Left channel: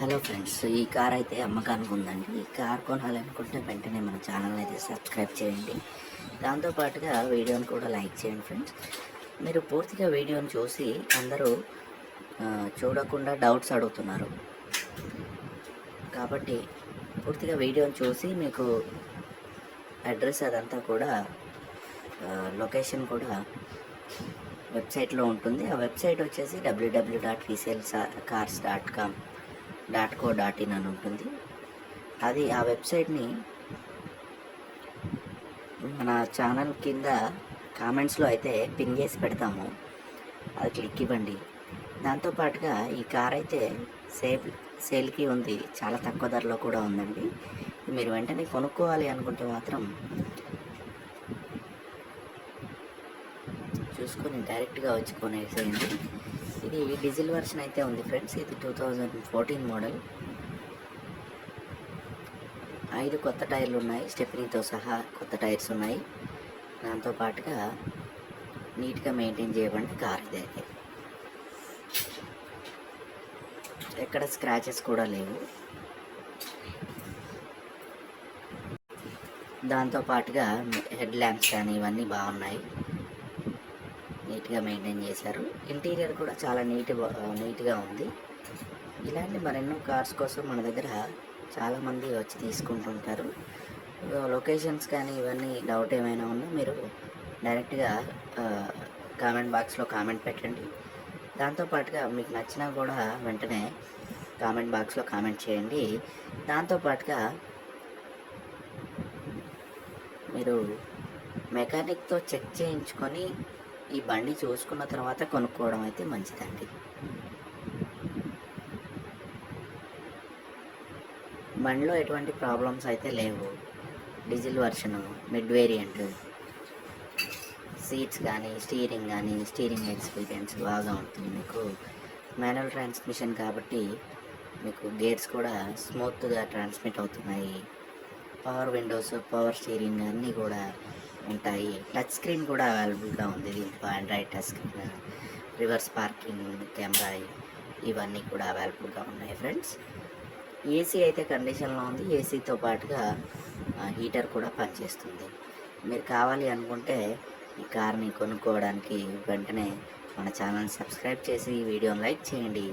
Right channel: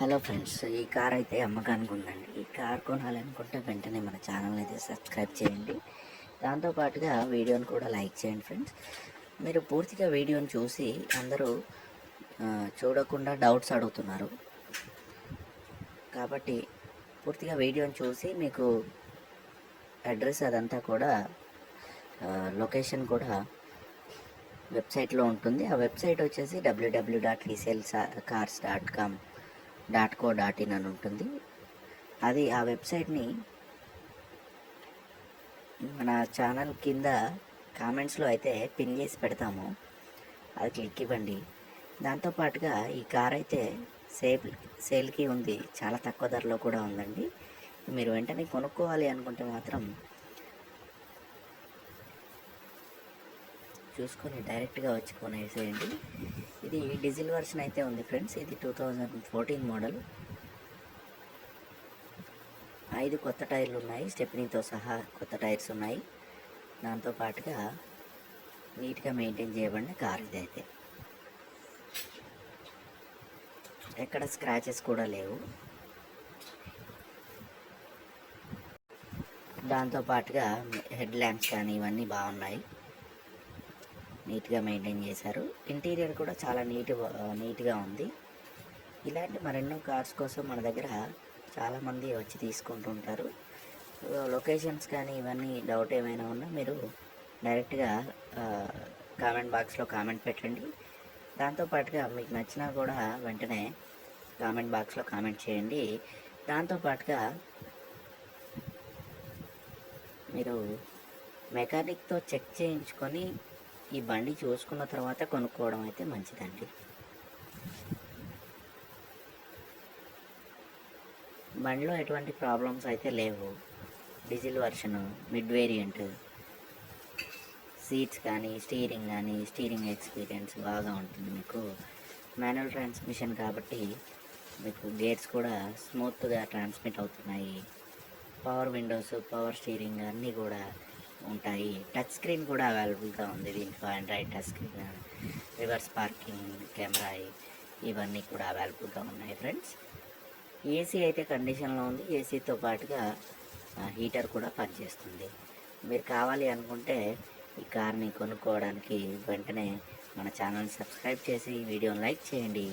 Hello friends ఈ car అయితే అమ్మకానికి ఉందండి. ఈ కార్ కొనాలనుకుంటే వెంటనే మన ఛానల్ అయితే సబ్స్క్రైబ్ చేయండి. దాంతోపాటుగా వీడియోని కూడా లైక్ చేయండి ఫ్రెండ్స్. మీరు పూర్తిగా వీడియోని చూసి అందరూ చూడకుండా డౌట్స్ అడుగుతున్నారు. కాబట్టి పూర్తిగా వీడియోని చూసి మీకు అడ్రస్ అదంతా కూడా లొకేషన్ కూడా వెబ్సైట్లో ఉంటుంది. ఆ వెబ్సైట్ వచ్చేసి W W dot diesel cars dot com dot co dot in అని ఉంటుంది. అది ఆ వెబ్సైట్ని మన ఛానల్ కింద కామెంట్స్లో అయితే పిన్ చేసి పెడతాము. అది క్లిక్ ఇవ్వండి. దాంతోపాటుగా ఈ కార్ అయితే సేల్ సేల్కి ఉంది. చాలా తక్కువ ధరలో కూడా ఉందండి. మీరు వెంటనే కొనుక్కోవాలి అనుకుంటే మాత్రం చూసుకొని డైరెక్ట్గా వచ్చి కొనేసేయండి. ఇది డీజిల్ వర్షన్ అయితే ఉంది ఫ్రెండ్స్. ఇది టూ థౌజండ్ ఫోర్టీన్ మోడల్. ఐదు కొత్త టైర్లు ఉన్నాయి. స్టెప్నీతో సహా కొత్త టైర్స్ ఉన్నాయి. దాంతో పాటుగా నీట్గా మెయింటైన్ చేయబడిన కార్ ఇది అయితే. ఎక్కడ స్క్రాచెస్ కూడా లేవు. దాంతో పాటుగా హెడ్ ల్యాంప్స్ కానీ ఇవన్నీ బాగున్నాయి. నీట్గా మెయింటైన్ చేశారు. ఇంటీరియర్ కూడా చాలా నీట్ నీట్గా ఉంది. ఇలాంటి మరెన్నో కార్స్ కోసం మన దగ్గర చాలామంది వచ్చి తీసుకుంటుంటారు. లొకేషన్స్ కానీ ఇవన్నీ డౌట్ ఏమైనా ఉన్నా మీరు డైరెక్ట్గా కామెంట్ బాక్స్లో కామెంట్ పెట్టండి. దాంతోపాటుగా మీకు నచ్చినా కూడా వెంటనే కామెంట్ బాక్స్లో కామెంట్ చేయండి. దాంతోపాటుగా మీరు మెకానిక్తో చెక్ చేయించుకొని ఈ బండి చూసుకున్న తర్వాత కొనుక్కోవడం అయితే మంచిదండి. బండిలో ఎటువంటి ప్రాబ్లమ్స్ అయితే లేవు. Diesel version mid variant seats కానీ స్టీరింగ్ కానీ స్టీరింగ్ ఎక్స్పీరియన్స్ బాగా ఉంటుంది. మీకు మాన్యువల్ ట్రాన్స్మిషన్ కాబట్టి మీకు గేట్స్ కూడా స్మూత్గా ట్రాన్స్మిట్ అవుతున్నాయి. పవర్ విండోస్ పవర్ స్టీరింగ్ అన్నీ కూడా ఉంటాయి. టచ్ స్క్రీన్ కూడా అవైలబుల్గా ఉంది. దీంట్లో android touch screen reverse parking camera ఇవన్నీ కూడా అవైలబుల్గా ఉన్నాయి ఫ్రెండ్స్. ఏసీ అయితే కండిషన్లో ఉంది. ఏసీతో పాటుగా హీటర్ కూడా పనిచేస్తుంది. మీరు కావాలి అనుకుంటే ఈ కార్ని కొనుక్కోవడానికి వెంటనే మన ఛానల్ సబ్స్క్రైబ్ చేసి ఈ వీడియోని లైక్ చేయండి.